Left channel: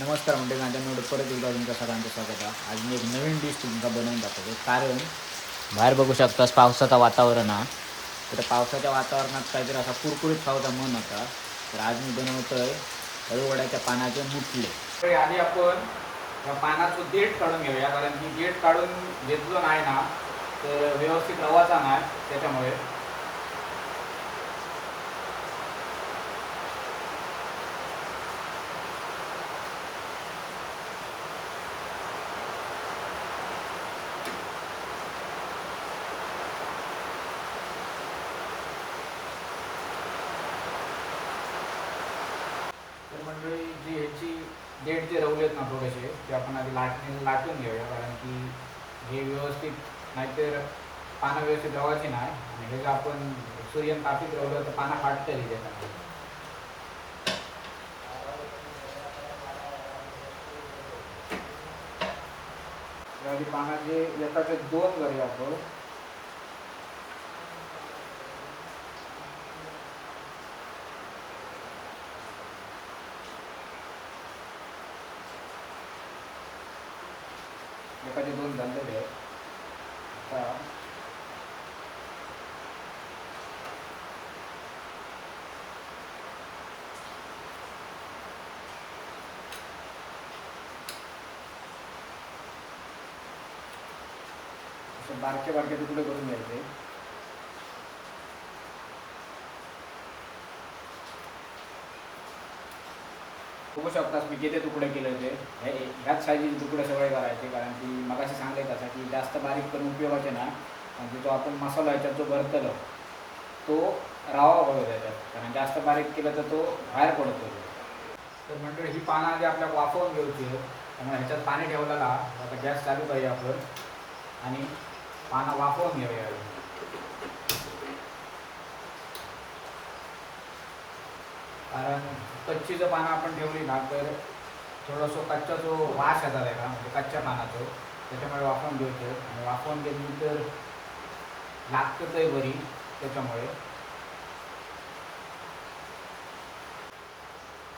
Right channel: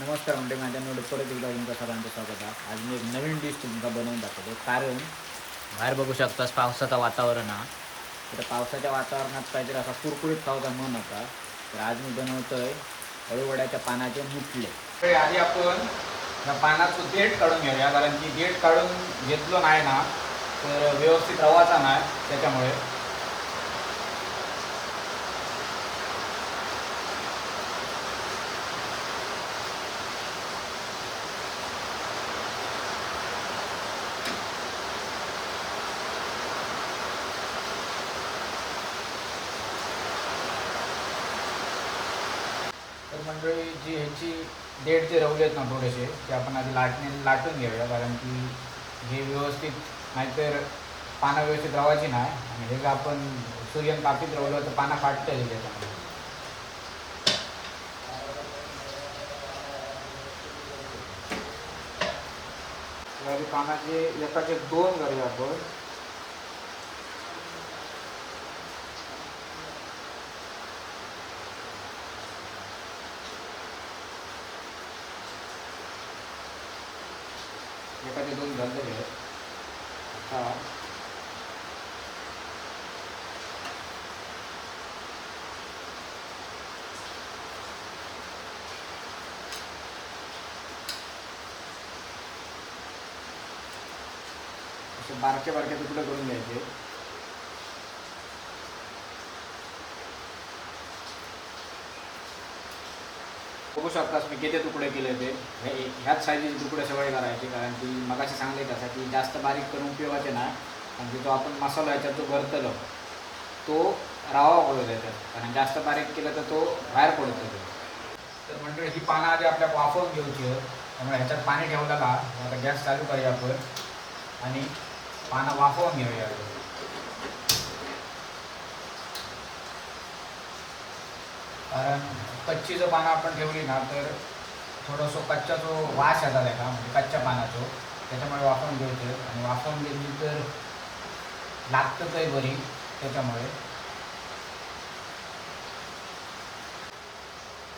नमस्कार म्हणजे माझ्या नोट परत एकदा तुमचं सगळ्यांचं स्वागत आहे. आज मी एक नवीन डिश तुमका बनवून दाखवतो. कारण बाहेर बघू शकतास पावसाचं वातावरण आहे. तर पावसाच्या वातावरणात काहीतरी असा कुरकुरीत खाऊचा मन होता. तर आज मी बनवतोय अळूवड्याच्या पानाचे मुटले. तर आधी आपण या पानाचं देठ काढून घेऊया, कारण की देठ काढून घेतलो नाही ना तर व्यवस्थित रवाचा नाही, त्याच्यामुळे तर मंडळी जी ह्याची देठ जे रवले आहेत ना थोडेसे, ते आपण आधी लाटून घेऊया, कारण की हे व्यवस्थित नाहीतर पानं व्यवस्थित रवायची नाही. आणि हे जर आपण सूर्यन तापीत रवलं तर पानं फाटतं त्याच्यामध्ये. आधी पानाचे एकाचे दोन करूया आपण. एकाचे दोन झालेले आहेत. आता असे बारके बारके तुकडे करून घ्यायचे. बघू शकतास मी किती तुकडे केले ते. ह्याच साईजचे तुकडे सगळे करायचे, कारण की मगाशी सांगले तसा की जास्त बारीक करून उपयोगाचे नाही. कारण की जो आपण मसाला ह्याच्यात जो भरतलो तो रावा पडतो त्याच्यात, कारण जास्त बारीक केलं तर तो बाहेर पडतो तो. तर मंडळी ही पानं आधी आपल्या वाफवून घ्यायची आहे. त्यामुळे ह्याच्यात पाणी ठेवलेला. आता गॅस चालू करूया आपण आणि पानं वाफवून घेऊया. कारण कच्ची जर पानं आपण ठेवली ना तर थोडंसं कच्चा जो वास येतात त्याला, म्हणजे कच्च्या पानाचं, त्याच्यामुळे वाफवून घ्यायचे. आणि वाफवून घेतली तर लागतं काही बरी, त्याच्यामुळे.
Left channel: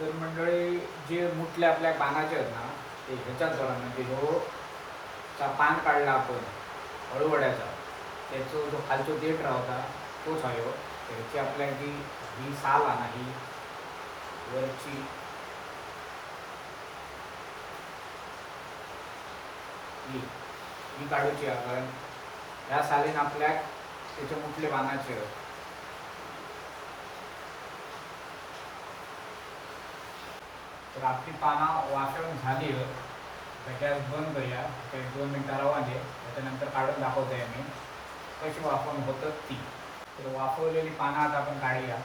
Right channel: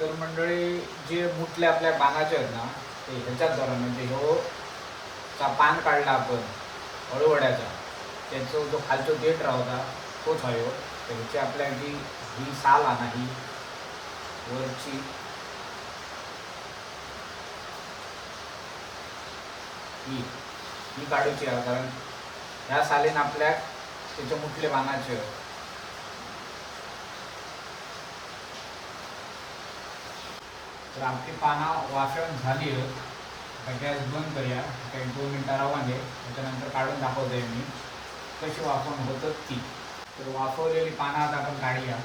तर मंडळी जे मुटले आपल्या पानाचे आहेत ना ते ह्याच्याच दौरान, म्हणजे ह्यो पान काढला आपण अळूवड्याचा, त्याचं जो खालचो देठ राहता तोच हयो. तर ह्याची आपल्या ही साल आहे ना, ही वरची ही काढूची आहे, कारण ह्या सालीन आपल्या त्याचे मुटले पानाचे. तर आपली पानं वाफवून झाली. गॅस बंद करूया. काही 2 मिनटं रवा दे, त्याच्यानंतर काढून दाखवतोय मी कशी वाफवून होतात ती. तर वाफवलेली पानं आता आपण काढूया.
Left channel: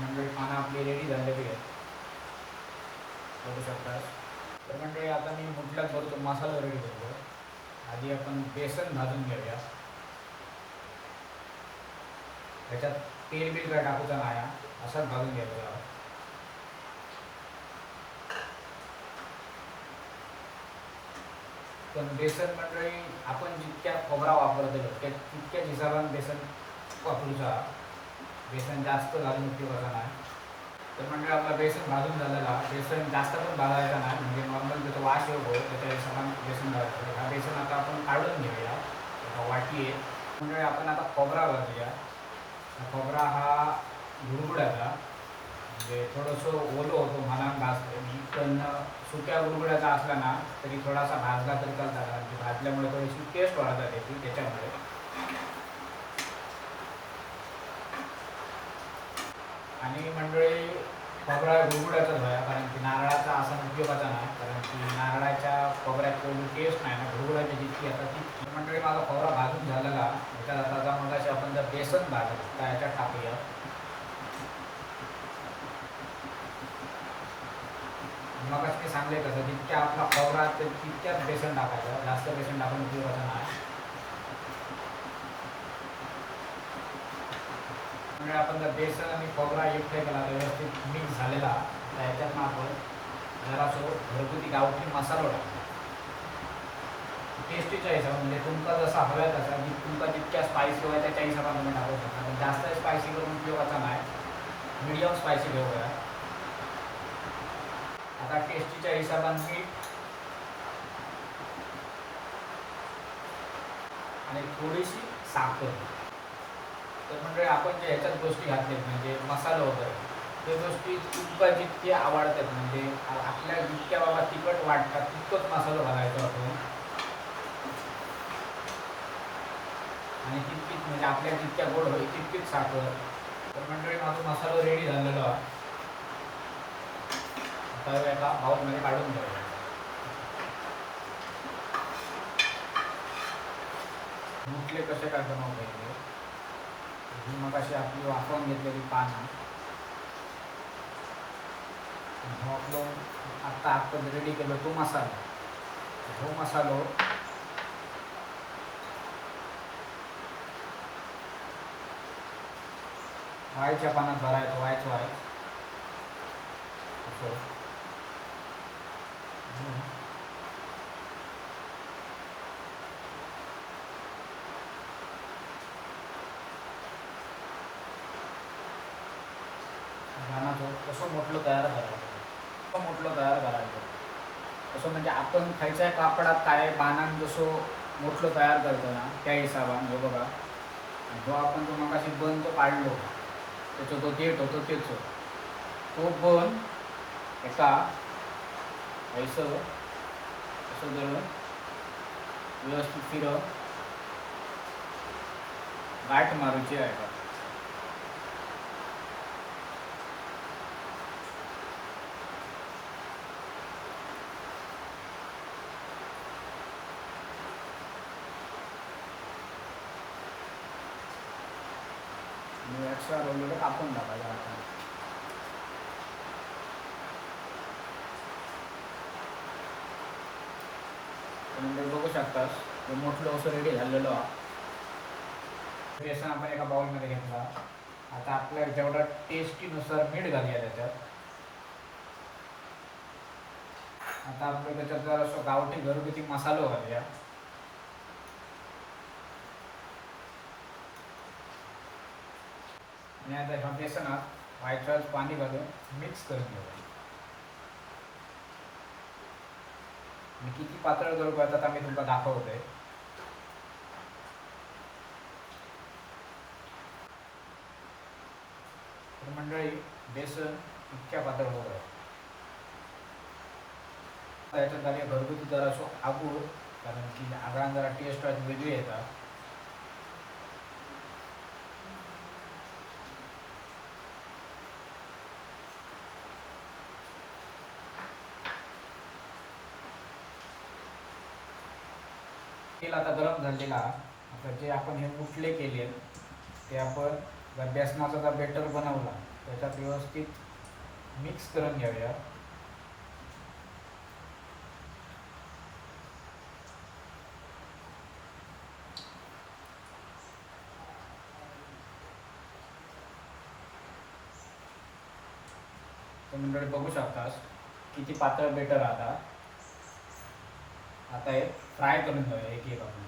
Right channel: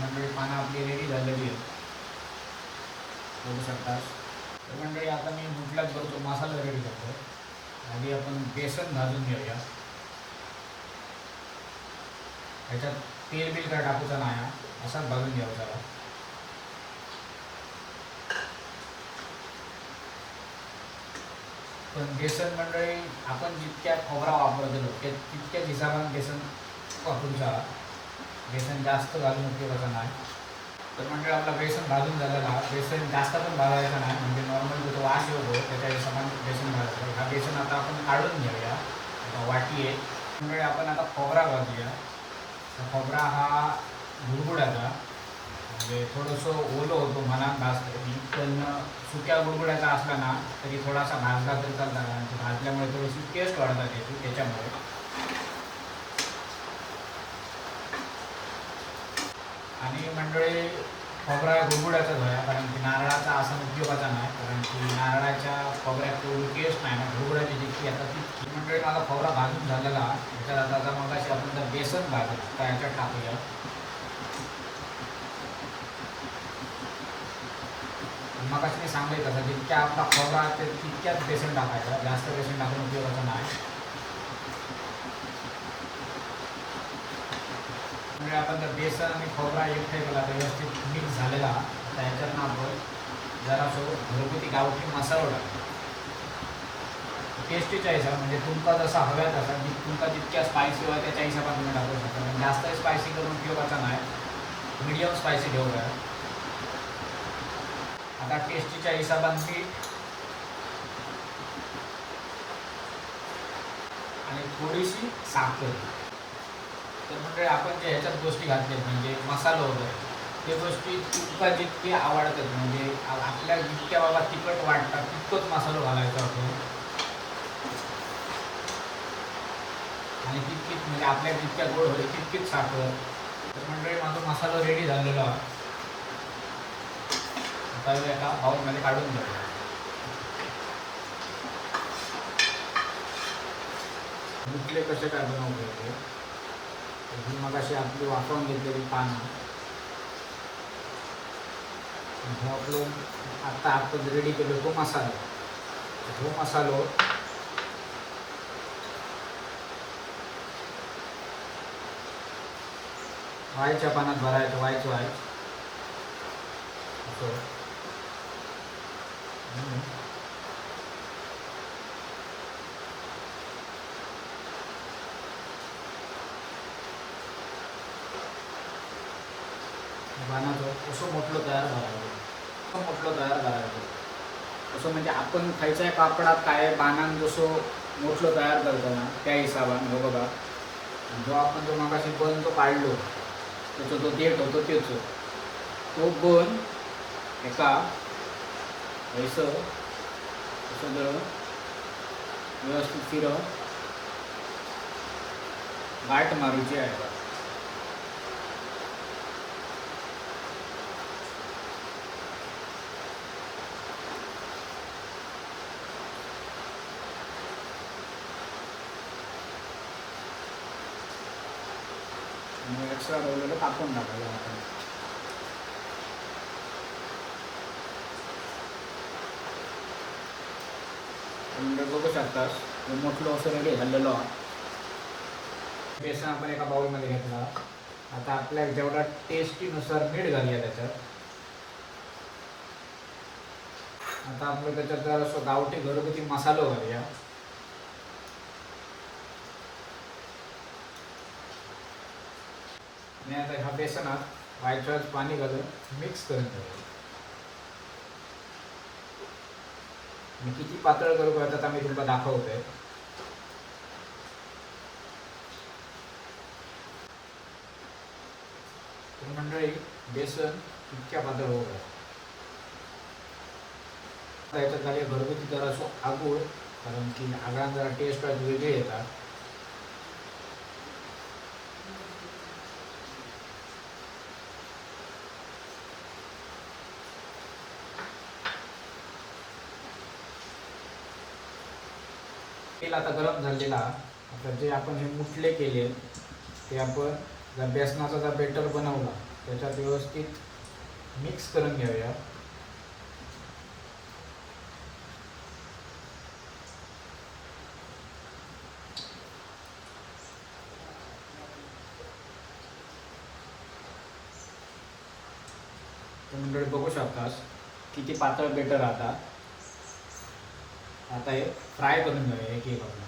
मंडळी पानं आपली रेडी झालेली आहेत, बघू शकतात. तर मंडळी आता मी मुटल्यात भरतो मसाला रेडी करतो. आधी आपण बेसन भाजून घेऊया. ह्याच्यात तेल बिल काय टाकूचा नाही, असाच भाजून घ्यायचा. पण बेसन मंडळी आपण जितक्या खोबरा वापरतो तितक्याच हिशोबाने बेसन वापरूचा. बेसन जास्त घालून उपयोगाचा नाही. तर म्हणजे आपला बेसन भाजून झालेला. बेसन जास्त पण भाजायचं नाही, म्हणजे नॉर्मल जो वास येतो त्याच्या हिशोबाने बेसन भाजायचं. हा बेसन आता आपण काढून घेऊया. आता वाटी आहे म्हणजे आपण आता खोबरा भाजूया. खोबरा हा गुडगुड्याचा, म्हणजे थोडंसं ओलं होतो मनात भाजतो मी, पण सुक्या गुडगुड्याचा असला ना तरी थोडासा भाजला तर चालतात. आणि भाजल्यामुळे थोडीशी टेस्ट वाढतात त्याची, त्याच्यामुळे. आणि मंडळी खोबरा गुडगुड्याचाच व्हाया, कारण की नारळाचा असा उपयोगाचा नाही, कारण की नारळाच्या खोबऱ्यात तेवढी टेस्ट नाही ना, गुडगुड्याची जितकी आता ती. मंडळी माझा खोबरा भाजून झालेला. ह्याच्यात आता मगाशी आपण जर बेसन भाजलं तर ह्याच्यात टाकूया. मगाशी मी सांगले कसं जितक्या आपला खोबरा ते तितक्याच बेसन टाकायचं, जास्त बेसन टाकून उपयोगाचा नाही. म्हणजे आपण जर बेसन आणि खोबरा एकटे केला तर व्यवस्थित मिक्स झालेला. तर ह्याच्यातनं आपण जरा घरगुती गावठी मसाला टाकतो. टेस्टीच्या हिशोब म्हणजे तुमका जसा हव्या तसा तुमका जितक्या स्पायसी हव्या त्याच्या हिशोबाने तुम्ही टाकू शकता. पण जास्त स्पायसी करून ठेवायचा नाही, मीडियम स्पायसी ठेवूया. आता टेस्टीच्या हिशोबाने मीठ आणि थोडीशी साखर. तर म्हणजे आपण जे ह्याच्यात गोष्टी घातल्यात म्हणजे मसाला वगैरे ते गोष्टी तुमका जितके आवडतात म्हणजे आपल्या जितक्या बाबा तिखट वाटतात तितकंच मसाला घालायचा होतो आणि तितकीच म्हणजे आपल्या जितक्या गोड होईल तितकीच साखर. तर मंडळी माझा मसाला रेडी झालेला आता एका बाउलमध्ये काढून घेऊया. मुठले कसे काय बनवू पाहिजे ही मग अशी आपली वापरून घेतलेली पानं आपलं आता आपण रेडी केलो तो मसालो वायच्या पानात भरायचं व्हायचं बाणाचं कसं मोठलं तयार करायचं कसं म्हणजे आपण खायच्या कापडात काय बाणान जसं मोठलं तयार करतो ना त्या हिशोबाने हो बघा. जो आपण जो मगाशी बन तो काढलो त्याचं तो देठ होतो त्याचं तो बन एका ऐसं असं जर व्यवस्थित फिरत गाठ मारूची आहे. एक्स्ट्रा रोलर कापून टाकायला आपण. म्हणजे बघू शकतास मोठलं असं रेडी झालेलो. बेसन आपण एका बाउलमध्ये घेतला. आता आपल्या जेवढा टेस्टीनुसार मीठ घालूया त्याच्यात. आता आपलं त्याच्यात जर असं गावठी घरगुती मसालो घालूया. आणि आता ह्या बेसनात व्हायच्यात पाणी घालून मिक्स करून घ्यायचं. मी किती पातळ करू आता मी तुम्हाला दाखवतोय. तर मंडळी बेसन इतक्या पातळ होत याच्यात खाली घरगुती जरा आगूळ कारण की आगळान जरा टेस्ट वेगळी येतात. तेल आता गरम झालेला. आता जे आपण हे मुठले केले ते आपण जर बेसनाचा जर बेटर बनवला त्याच्यात व्यवस्थित मिक्स करून घ्याव्या. तर मंडळी बघू शकतास किती पातळ बेटर. आता हे फ्राय करून घ्यावे एक एक करून.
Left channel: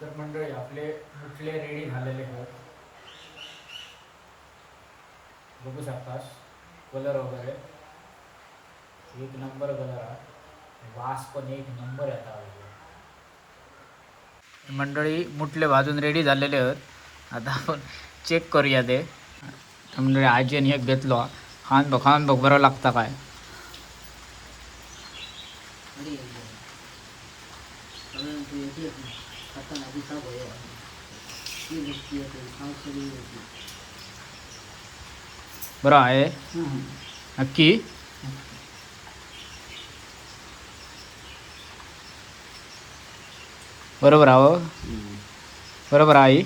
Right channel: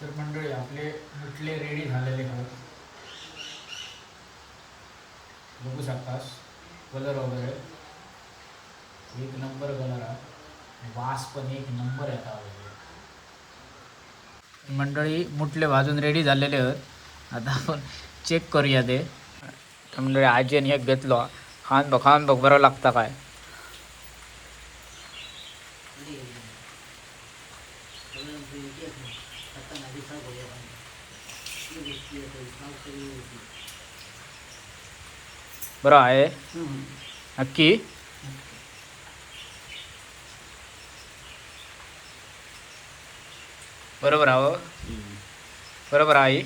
तर मंडळी आपले मुठले रेडी झालेले आहेत. बघू शकतास कलर वगैरे एक नंबर कलर आहे. वास पण एक नंबर येतात. मंडळी मुठले भाजून रेडी झालेले आहेत. आता आपण चेक करूया ते. मंडळी आजीने एक घेतलो. खान बघ बरं लागतं काय. बरं आहे नक्की. बरोबर आहे बरोबर आई.